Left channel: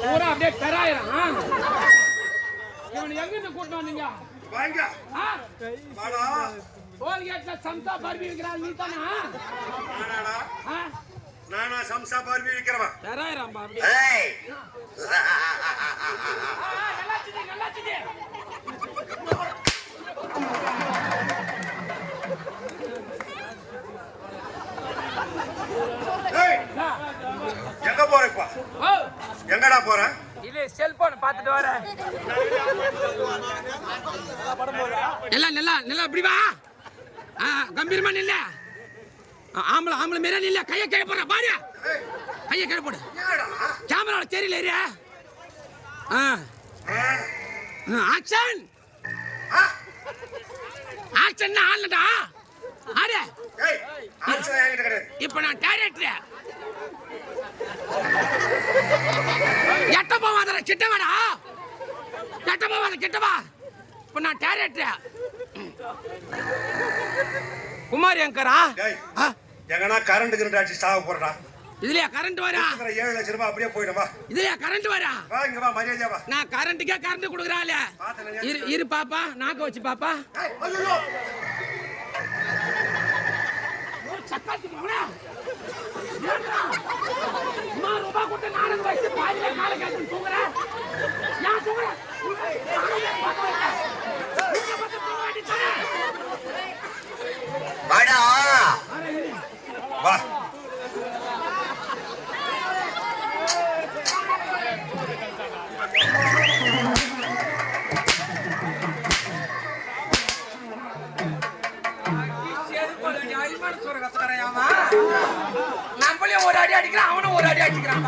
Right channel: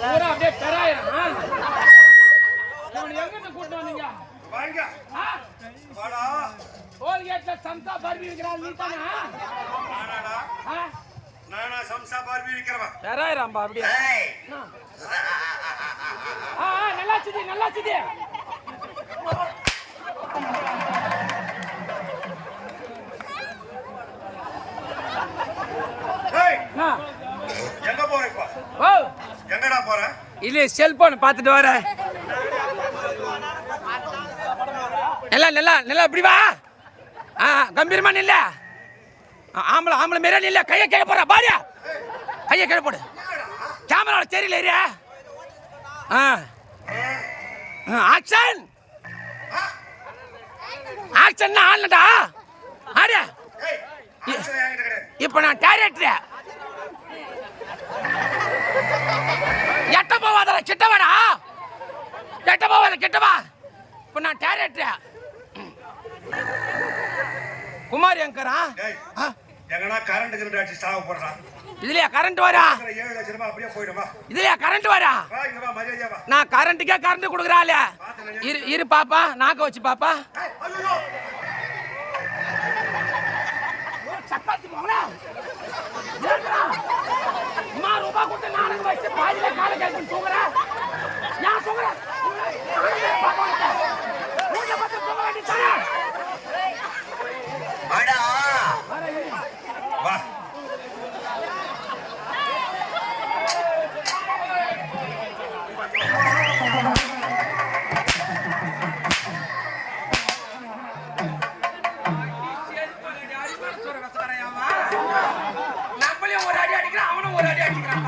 பூரா அப்படியே தராயிரம் எங்க கூட்டு வந்தீங்க டோல்கேட்ல சம்சா பர்பி விற்கிறாள் நீ தானா? நானா சம்சா பர்பி விற்கிறவன் தராயிரம் அப்படியே நல்லா சிதி நல்லா சிதி எங்க போறப்பா? எங்கடா போற? இல்ல செல்போன் பாத்துட்டு வர. நல்லா நல்லா நல்லா இப்படி வா. கம்பீரமா நில்ல. ஆம்பளை ஆம்பளை மேல நில்ல. கையை கீழே போடுற பாரியா. கையை கீழே போடு. கேமரால தெரியல ஏரியா. ஆக்ஷன் ஆக்ஷன் ஆனடா. ஆரே இப்ப நான் டைரக்டர். எட்ட போவாத கிட்டவாடா. எட்ட போவாத கிட்டவா. இப்ப நான் டைரக்டர். குமார் எங்கரா? எங்கனா கரண்ட் கிரண்ட் அடிச்சு சாவ போறடா. இதுலயா கரண்ட் வரா? 7 லட்சம் ரூபாய் அப்படியே போய்டுவா. இதுலயா கரண்ட் வரா? வா இங்க வா மரியாதையா வா. நான் கரண்ட்க்கே கரண்ட் குடுக்குறாள. இரு பாப்பா நாக்க வச்சு பாப்பா. ஐயோ சக்காத்தி மவளா. ஏங்கடா? அம்மா ரூபா கொடுத்து நாடகம் வச்சு பாதியில காலை கேட்டு தூங்குற. நான் தூங்குற. பாப்பா உங்க பத்தி போக வேண்டியதானே. வாடா. வா. நம்மளே ஒரு அடி அடிக்கிறான் அவனும் ஒரு அடி அடிக்கிறான்.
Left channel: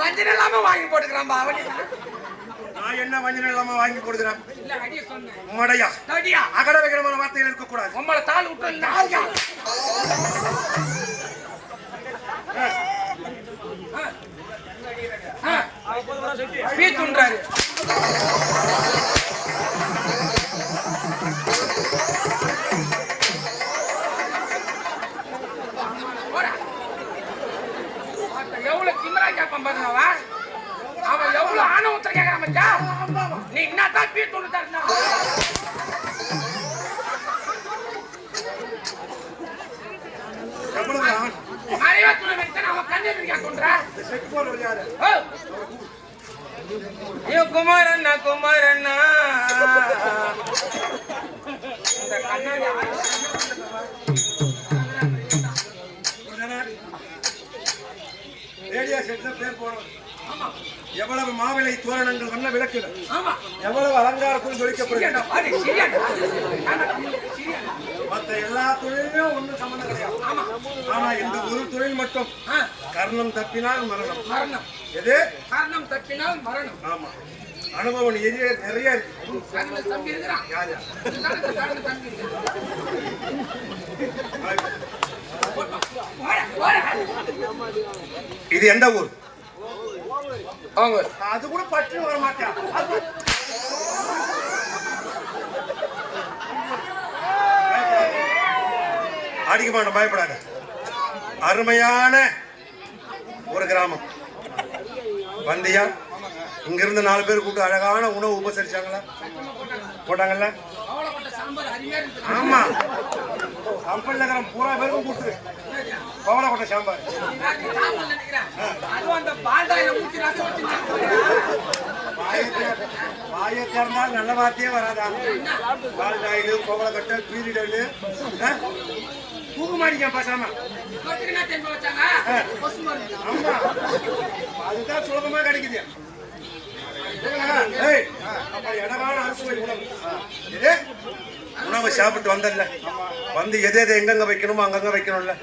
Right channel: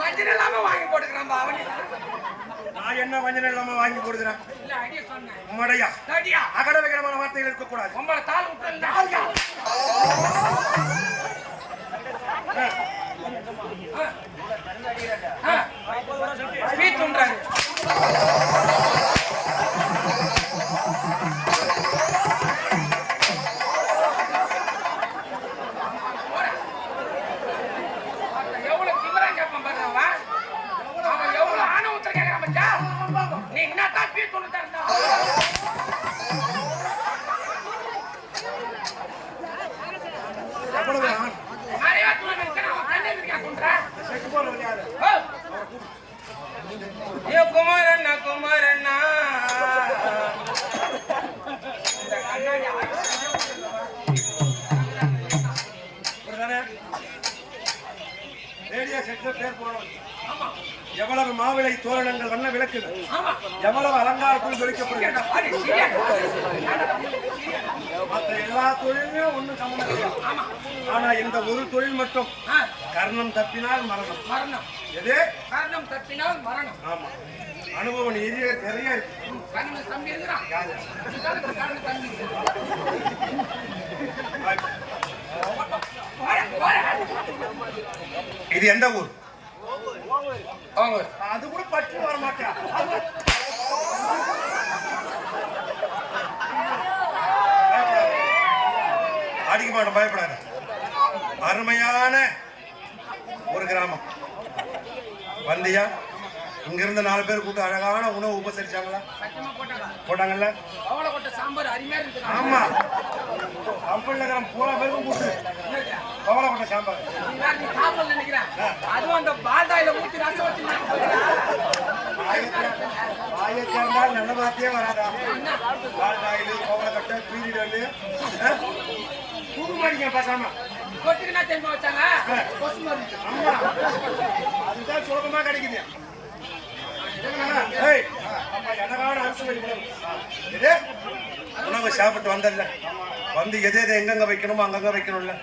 வஞ்சனை இல்லாம வாங்கி போட்டுக்கிறான் அவனே. நான் என்ன வஞ்சனை இல்லாம வாங்கி போடுகிறேன்? இல்ல ஐடியா சொன்னேன். உம்மடையா ஐடியா அகட வைக்கிறமான வார்த்தைகள் இருக்க கூடாது. உம்மள தாள் விட்டு ஸ்பீச் பண்றாரு. எவ்வளவு சிம்மரா கேட்பான் பாருங்க அவன் எவ்வளவு ஆணவத்துல கேட்கறான் பச்சா. நீ என்னதான் ஸ்பீச் சொல்லுதா? குமாரண்ணா குமாரண்ணா எவ்வளவு மாவிளை தோரணங்கள் வண்ண விளக்குகள் எவ்வளவு அலங்காரத்தும் ஜொலிக்கப்படுகிறது. மற்ற எல்லா தொழிலுமே ஒன்னும் சம்பந்தம் கிடையாது. ஆனா இந்த ஒரு தொழில் மட்டும் கர்ணம் தப்பினால் மரணம். மரணம் எது? கர்ணம் தப்பினால் மரணம். ஆமா அனுபவம் நிறைய இருக்கு. கர்ணன் தம்பி இருக்கிறான். கர்ணன் தம்பி இது எந்த ஊர்? அது கூட பற்றி வர மாட்டேன். அடிக்க மாட்டோம், பயப்படாத. அருமையான ஒரு கிராமம். வந்தியா இங்க இருந்து 4 பேர் கூப்பிட்டு அழகான உணவு உபசரிச்சாங்களா? போட்டாங்கல்ல? ஆமா, கம்பெனில இருக்கிற பூரா பேருக்கும் கூப்பிட்டு பவள கொட்டை சாம்பார். வாயை திறந்தால் நல்ல வார்த்தையே வராதா? பால்காயில், பவள கொட்டை, பீரிகல், தூக்கு மாடிக்க பேசாம. ஆமா, அதுதான் சுலபமா கிடைக்குது. உணவை சாப்பிட்டு வந்தல்ல, வந்து எது எது எங்கெங்க வைக்கணுமோ அங்கங்க வைக்கணும்ல.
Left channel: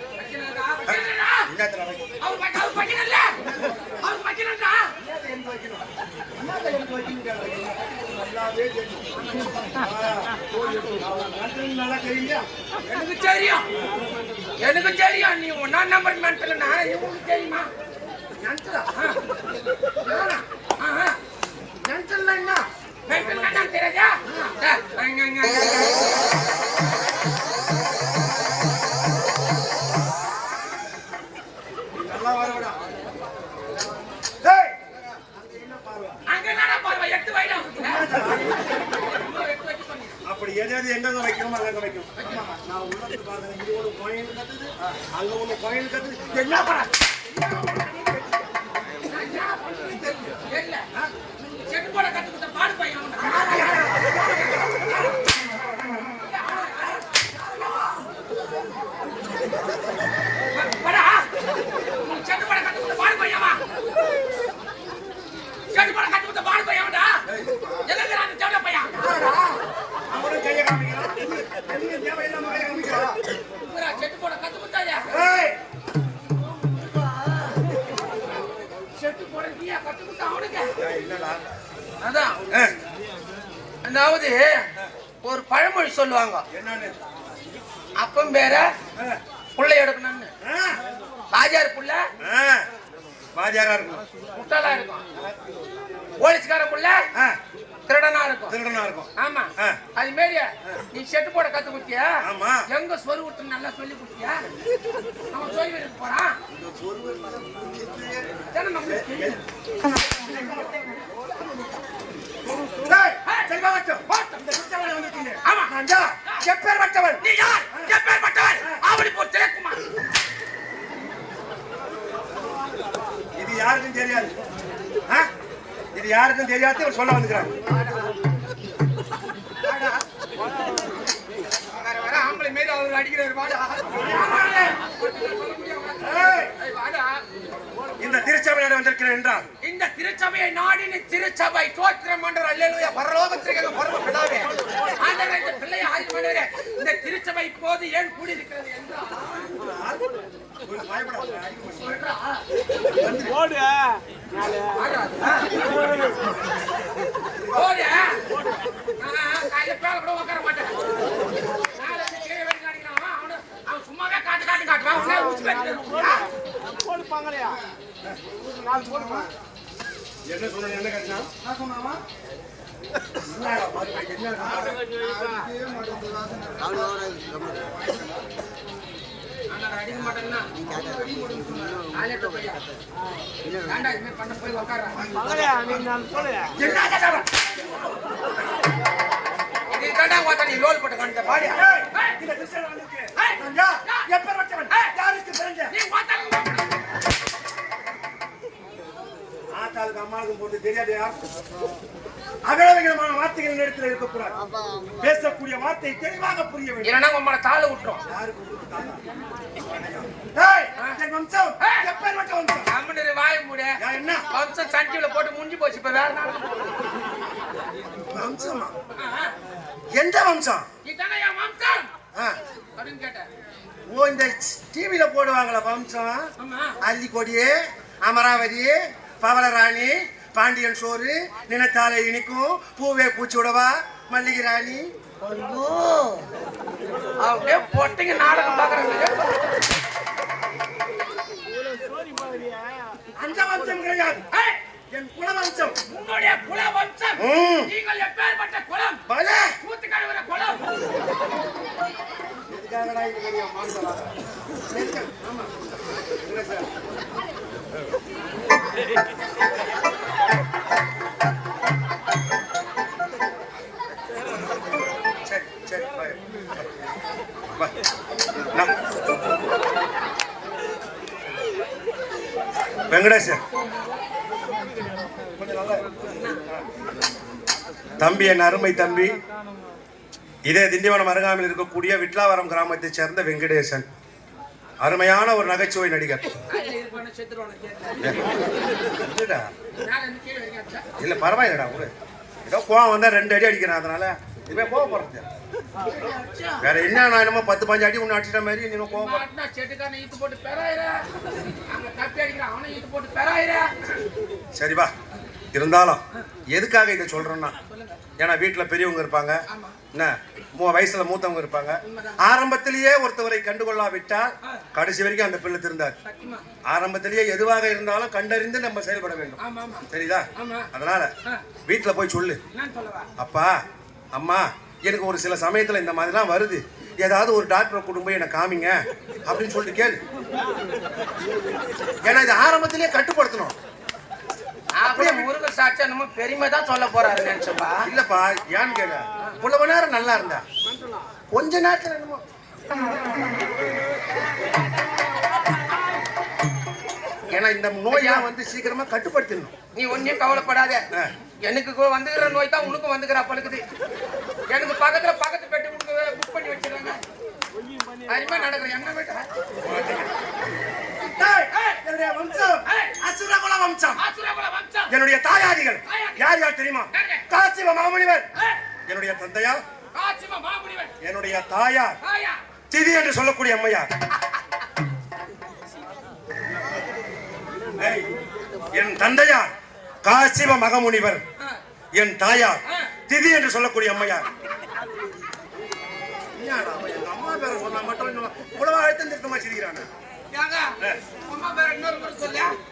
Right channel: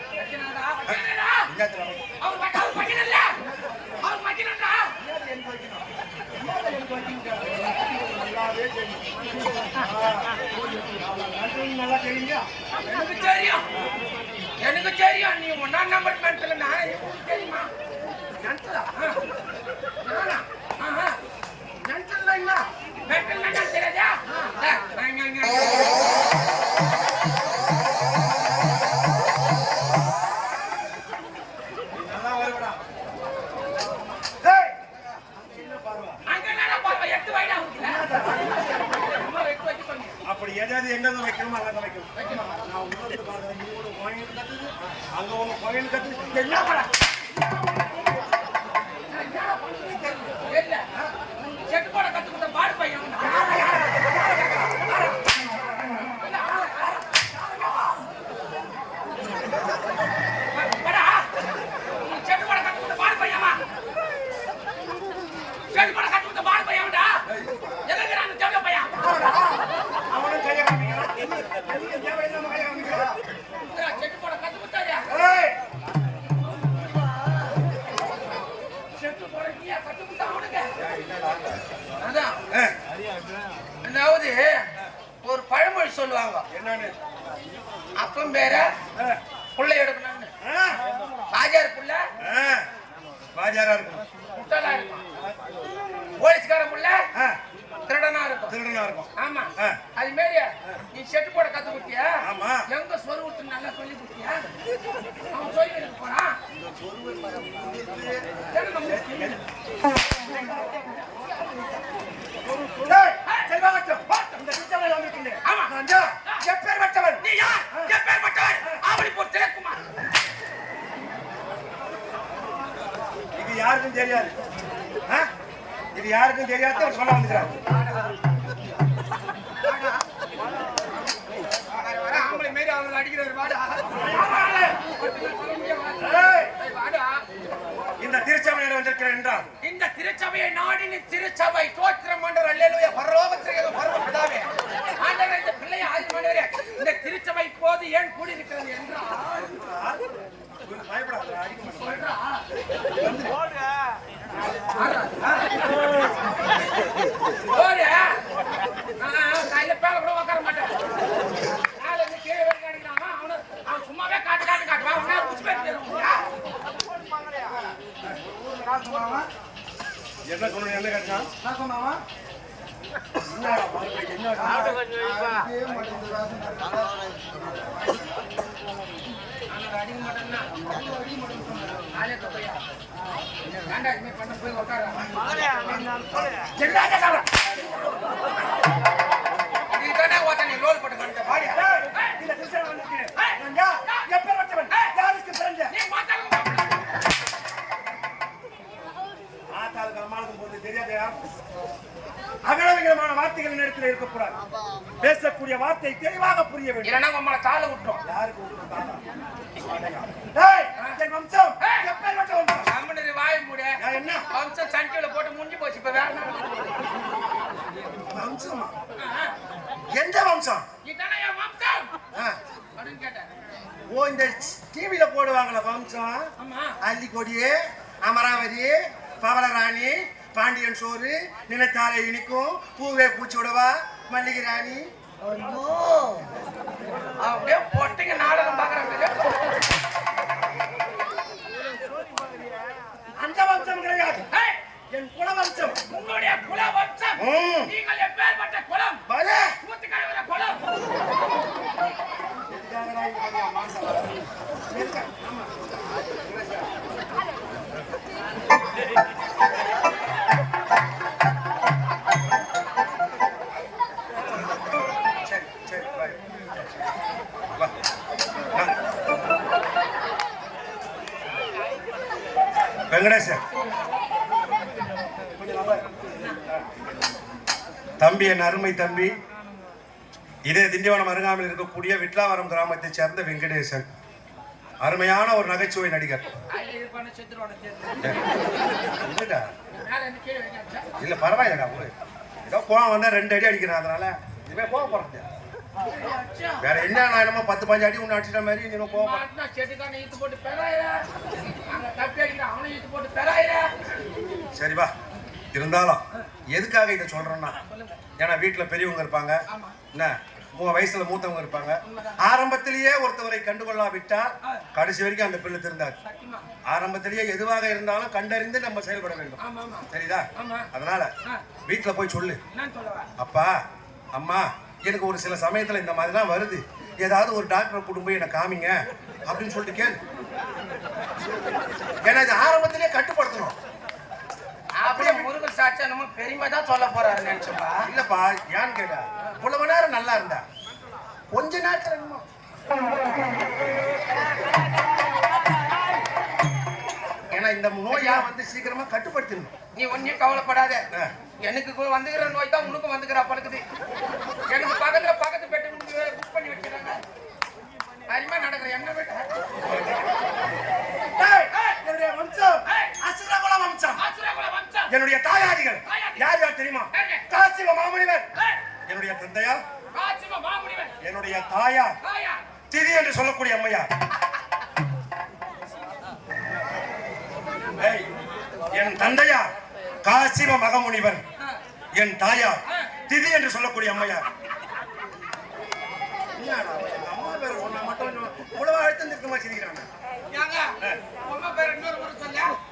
நல்லா தெரியுங்க. எனக்கு தெரியும், எனக்கு தெரியும். நீ 1ஆம் நம்பர் மென்டல், நான் தெரியுமா? மென்டலா? நானா? மென்டல் என்ன? மென்டல் என்ன தெரியாதா? நல்லா வருவடா. அப்படி எதாவது எங்கெங்க வைக்கணுமோ அங்கங்க வைக்கணும். நான் உணர்ந்து பாருங்க, இது ஒரு கோயில் கத்துது, அங்க ஒண்ணு கோயில் கத்துது. என்ன பண்ண செட்டு போட கத்துக்கிட்ட பாடு பையன். செட்டு போட கத்துக்கிட்ட பாடு பையமா? செட்டு போட கத்துக்கிட்ட பாடு பையன்டா. எங்க அந்த செட்டு பையன்? அவனும் கையை காமிக்கிறான். தேவையில்லாம கையை காமிக்கிறான். செட்டு போட கத்துக்கிட்டாயா? செட்டு போட நீயா கத்துக்கிட்ட அவனுக்கு? அதான், அதாவது ஒரு பழமொழி சொல்லுவாங்க, என்னன்னு? அப்பம் பேர புள்ளை எடுக்கணும்னு. ராஜார் புள்ள வாஜாரா இருக்கும், முட்டாளா இருக்கும். போலீஸ்கார புள்ள திருடனா இருக்கும். திருடனா இருக்கும். ஆமா, அது மாரி நீ செட்டு போட கத்து கொடுத்தியா? ஆமா. எங்க சொரு விட்டு நல்லா சொல்லி கொடுத்தியா? அவன் சொல்லி வைக்க போறான். இது யாருக்கும் தெரியாது, இது யாருக்கும் தெரியாது சொல்ல வந்துக்கிறான். இந்த திருச்சபை வந்திருக்கிறேன் என்றால், இந்த திருச்சபையை நாடின திருச்சபை தோற்றம் மண்டர் அல்லேலூயா பரலோகத்திற்கு பரவப்படாதே. ஆண்டவரே, இந்த பிள்ளையை ஆதிமண்டவரே, இந்த திருச்சபை இப்போது ஏன் கூடியிருக்கிறது என்றால், பயப்படாத, கையில பேர கூட உட்கார மாட்டேன். அவன் சும்மாவே காட்டு காட்டு காட்டுவான். உடனே உச்சி பேச்சு என்ன சொன்ன? என்ன கட்சம் அடிக்க மாட்டேன்னா ஆலேட்ட பையா ஏண்டா இது மாதிரி பண்ண போய் உட்கார. இதுக்காண்டா ஓட்ட நீ ரோல் போட்டு பண்ணிட்ட பாடி. இந்த கிறிஸ்டியன் வந்துருக்கு. எப்ப வச்சவன்? யாருக்கு பிறந்த? நீ மாத்தாங்க. ஆத்தாளுக்கு அம்மாளுக்கும் போட்டு தெரியாதையா? அகலவிகலமான வார்த்தைகள் இடத்துல இருக்கக்கூடாது. பேசக்கூடிய வார்த்தை தெளிவாக புரிய வேண்டும். இல்லைன்னா உம்மளை காலை விட்டுரும். யாருக்கு விட்டு தாத்தா? வம்சம் எப்பேற்பட்ட வம்சம்? நம்மளுடைய வாய மூடு. என்ன வம்சம் சண்டியில போட்டு முடிஞ்சு போச்சு. இப்ப வேற வம்சமா? எந்த வம்சம்? இதானே என் வம்சம் அப்படின்னு கேட்டேன். ஓ, இந்த டிவில போடுவாங்களா வம்சம்? அல்லிக்கொடி, அமராவதி, பவளராணி, பாண்டியன் சோறு, நினைத்தாலே இனிக்கும், பூவே பூச்சி விடவா, மல்லிகை ராணி. அப்படியே பொட்டிங்க நாடகம் பாக்குறாங்க. அந்த வம்சம் கிடையாது, என் குல வம்சம். உங்களுடைய குல வம்சம். நீங்கள் எப்பேற்பட்ட குலம்? சூத்து கழுவுற குலம். எதுக்காகடா இப்ப மாம்சம்? ஆமா, என்ன சார்? வா. வெங்கடேசன் கொஞ்சம் நல்லா தம்பி, என் அருமை தம்பி, இதே திண்டிவனம் அருகாமையில் இருக்கக்கூடிய விட்லாவரம் கிராமத்தைச் சேர்ந்த வெங்கடேசன். அருமையான ஒரு நகைச்சுவை நடிகர். இல்ல பரவாயில்லடா, ஏதோ கோவம் வந்தா 2 அடி அடிக்கிறேன், அதனால இவன் கோவம் போறது வேற என்ன. நான் என்னமோ 10-15 அடி ஒண்ணு அடிச்சிட்ட மாதிரி நீங்க கோவம் சரிப்பா. இருந்தாலும் எதுக்காக இதை சொல்றேன்னா, ஏன்னா வீட்டுல பெரியவங்க இருப்பாங்க, என்ன வயசுல மூத்தவங்க இருப்பாங்க. ஆரம்பத்திலேயே ஒருத்தவரை கண்டுகொள்ளாவிட்டால் கடைசி வரைக்கும் அந்த பிள்ளை திருந்தாது. ஆரம்பத்திலேயே எதுவாக இருந்தாலும் கண்டறிந்து நம்ம செயல்பட வேண்டும், சரிதா? அதனால வீட்டுல போய் சொல்லு, அப்பா அம்மா எனக்கு ஒரு சில சமயத்துல இந்த மாதிரிலாம் வருது, ஏதாவது ஒரு டாக்டரை கூட்டிட்டு போய் என்ன காமிங்க அப்படின்னு சொல்லிட்டு கேளு. ஏன்னா இது ஆரம்பத்திலேயே கட்டுப்படுத்தணும். அப்படியே முருக சாட்சியா நம்ம பெருமை தான் சொல்ல போறாரு நினைச்சப்பா. இல்லப்பா, ஏன்னு கேளு, இவ்வளவு நேரம் நல்லா இருந்தா கொஞ்ச நேரத்துல என்னமோ ஏன்னா இந்த நோயா வந்து சீக்கிரமா கட்டுப்படுத்தணும். நீ ஒன்னும் கவலைப்படாத, எனக்கு வந்துக்கிற நோய் தான் உனக்கும் வந்துக்கிறா பழுக்குது. எனக்கு பக்கத்து பெட்டு உனக்கு புக் பண்ணி வச்சிருக்காங்க. அதுமா நடக்குது என்ன பெட்டா? என்னுடைய வம்சம் அசுரகுல வம்சம். என்னுடைய தாயாதிகள் யார் யார் தெரியுமா? காசிவ மாமுனிவர் என்னுடைய தந்தையார், என்னுடைய தாயார் திதி என்று சொல்லக்கூடிய அம்மையார், என் தந்தையார் காசிவ மகமுனிவர், என் தாயார் திதி என்று சொல்லக்கூடிய அம்மையார். அம்மா பேரை சொன்னா மட்டும் உழவா அழுத்தம் திருத்தமா செய்கிறாங்க.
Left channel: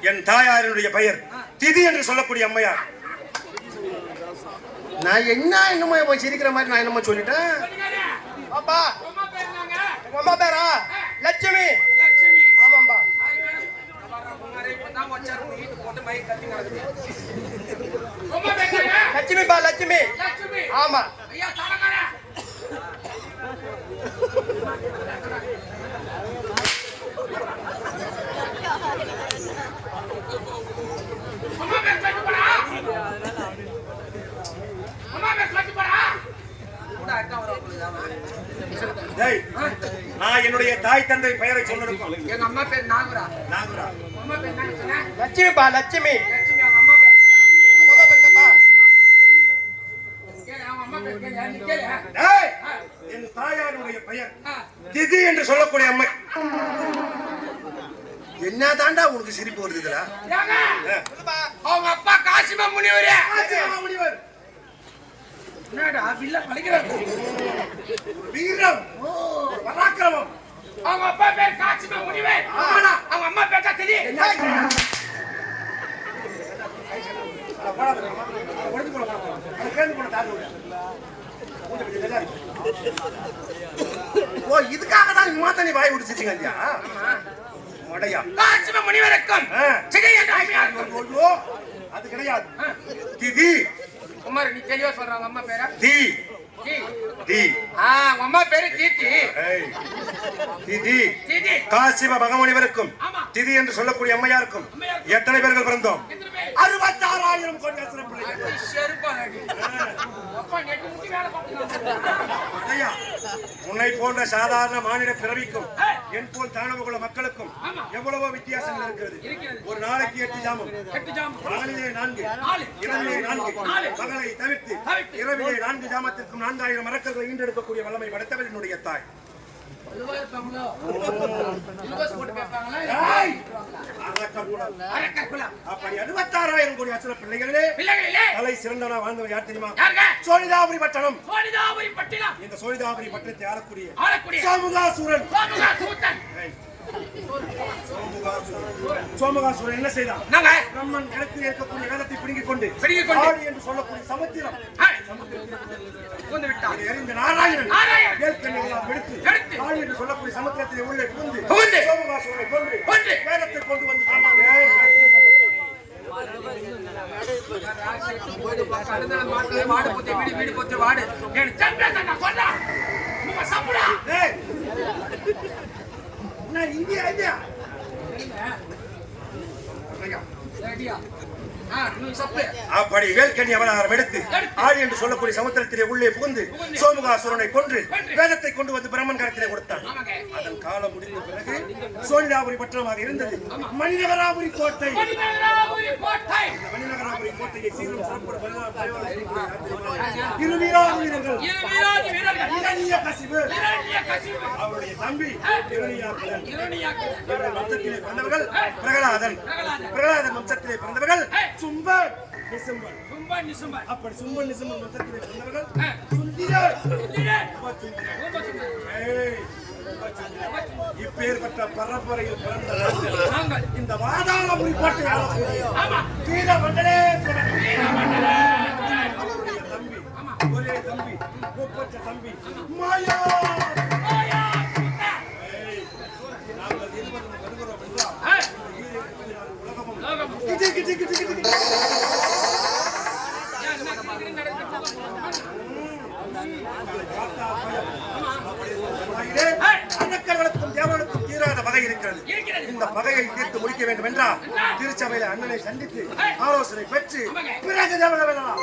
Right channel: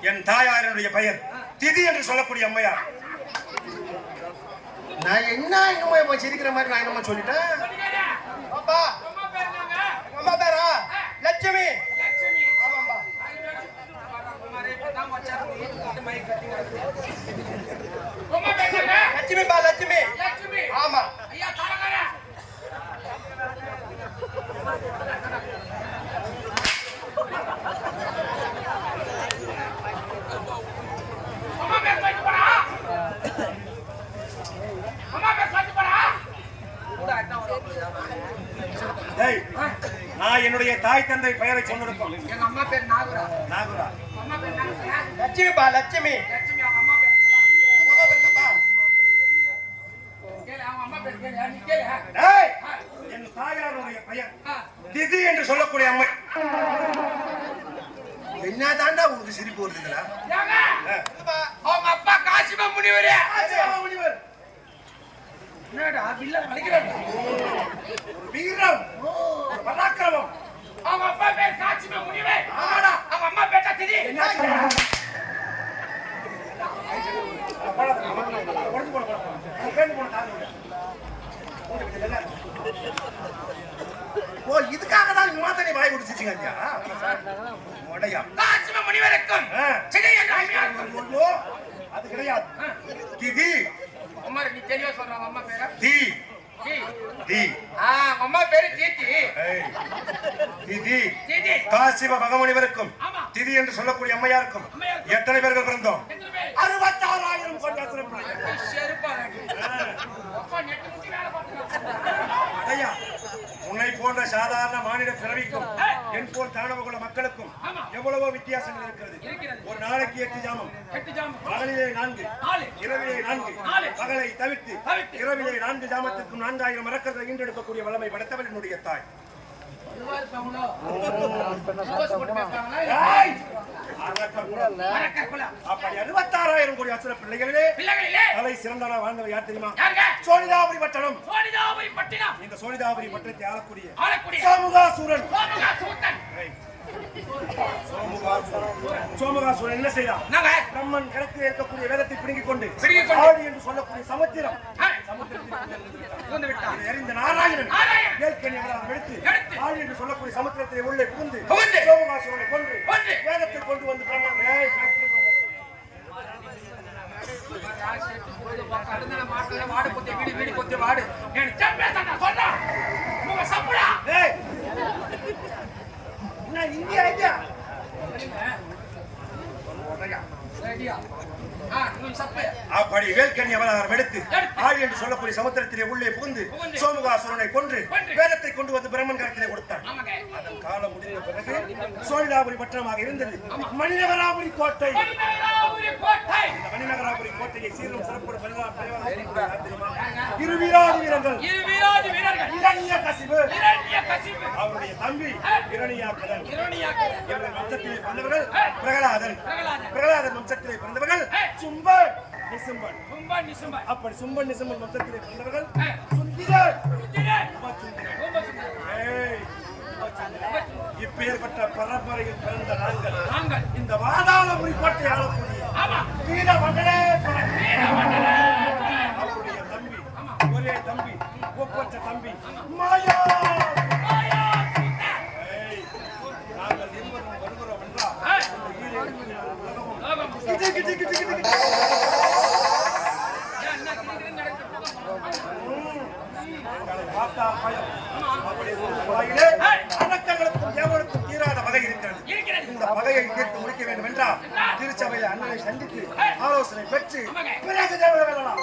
என் தாயாருடைய பெயர் திதி என்று சொல்லக்கூடிய அம்மையார். நான் என்னமோ போய் சிரிக்கிற மாதிரி நான் என்னமோ சொல்லிட்டேன். அம்மா பேரா லட்சுமி. ஆமாம்பா. லட்சுமிப்பா, லட்சுமி. ஆமா. நான் என்னுடைய தாய் தந்தை பெயரை சொன்னதுக்கும் எங்க அம்மா பேர் நாகுரா. நாகுரா. அம்மா பேர் என்ன? லட்சுமிப்பா, லட்சுமி. லட்சுமி. அவங்க அம்மா பேர் என் தாயாருடைய பெயர் திதி என்று சொல்லக்கூடிய அம்மை. என்ன தாண்டா உனக்கு சிரிப்பு வருது இதுல? அவங்க அப்பா காசிவ முனிவர். முனிவர் என்னடா வில்ல வலிக்கிறாரு? வீரம், பராக்கிரமம். அவங்க அப்பா பேர் காசிவ முனிவர். ஆமாடா. அவங்க அம்மா பேர் திதி. ஓ, இதுக்காக தான் மாத்தனை வாய் விடுச்சிட்டீங்க ஐயா. காசிவ முனிவருக்கும் அது கிடையாது. திதி. குமார், நீ தெளிவா சொல்றாங்க அம்மா பேர? தி தி. அம்மா பேரு தீதி. திதி. தீதி. காசிவ மகமுனிவருக்கும் திதி என்று சொல்லக்கூடிய அம்மையாருக்கும் எத்தனை பேர்கள் பிறந்தோம்? 66,000 கோடி அசுர பிள்ளைகள். உன்னை போன்ற சாதாரண மாநில பிறவிக்கும் என் போல் தானவகுல மக்களுக்கும் எவ்வளவோ வித்தியாசங்கள் இருக்கிறது. ஒரு நாளைக்கு 8 ஜாமம், பகலிலே 4, இரவிலே 4, பகலை தவிர்த்து இரவிலே 4 ஜாமத்திற்கும் 4000 மரக்கல்களை ஈண்டெடுக்கக்கூடிய வல்லமை படைத்தவள் என்னுடைய தாய். அப்படி 66,000 கோடி அசுர பிள்ளைகளே தலை சிறந்தனா வாழ்ந்தவர் யார் தெரியுமா? சோழிதாபுரி பட்டணம். இந்த சோழிதாபுரி பட்டணத்தை ஆளக்கூடிய சோமுகாசுரன். சோமுகாசுரன் என்ன செய்தான்? பிரம்மன் இடத்தில் இருக்கக்கூடிய வேதத்தை பிடுங்கிக் கொண்டு ஆடி என்று சொல்லக்கூடிய சமுத்திரம் எறிந்த நாராயணன் எடுத்து ஆடி என்று சொல்லக்கூடிய சமுத்திரத்திலே உள்ளே புகுந்து சோமுகாசுரனை கொன்று வேதத்தை கொண்டு வந்து மாடு வீடு வீடு வாடு ஏய் என்ன இந்தியா ஐடியா ரெடியா இன்னும் சப்பு அப்படி வேல்கண்ணி அவதாரம் எடுத்து ஆழி என்று சொல்லக்கூடிய சமுத்திரத்திலே உள்ளே புகுந்து சோமுகாசுரனை கொன்று வேதத்தை கொண்டு வந்து பிரம்மன் கரத்திலே கொடுத்தான். அதன் காலம் முடிந்த பிறகு சோனிடாபுரி பட்டணமாக இருந்தது மணிநகராபுரி கோட்டை. இந்த மணிநகராபுரி கோட்டையை சீரும் சிறப்போடு இரு வீராதி வீரர்கள் இரணிய கசிபு அவருடைய தம்பி இரணியாக்கதன் இவர்கள் வம்சத்திலே பிறந்தவர்கள் பிரகலாதன் வம்சத்திலே பிறந்தவர்கள் சும்பன் நிசும்பன் அப்படி சும்பன் நிசும்பன் வம்சத்திலே பிறந்தவர்கள் சுந்திரன் இப்பேற்பட்ட பரம்பரையில் பிறந்த நாங்கள் இந்த வாதாளபுரி கோட்டை ஆளக்கூடிய அவருடைய தம்பி ஒரே தம்பி ஒப்பற்ற தம்பி மாயா நாங்கள் இருவரும் வருகிறோம் என்றால் உலகமும் அரக்கர்களுக்கும் தேவர்களுக்கும் தீராத பகை இருக்கிறது. இந்த பகையை தீர்த்து முடிக்க வேண்டும் என்றால் திருச்சபையில் அண்ணனை சந்தித்து ஆலோசனை பெற்று பிறகு தேவரை வெல்லலாம்.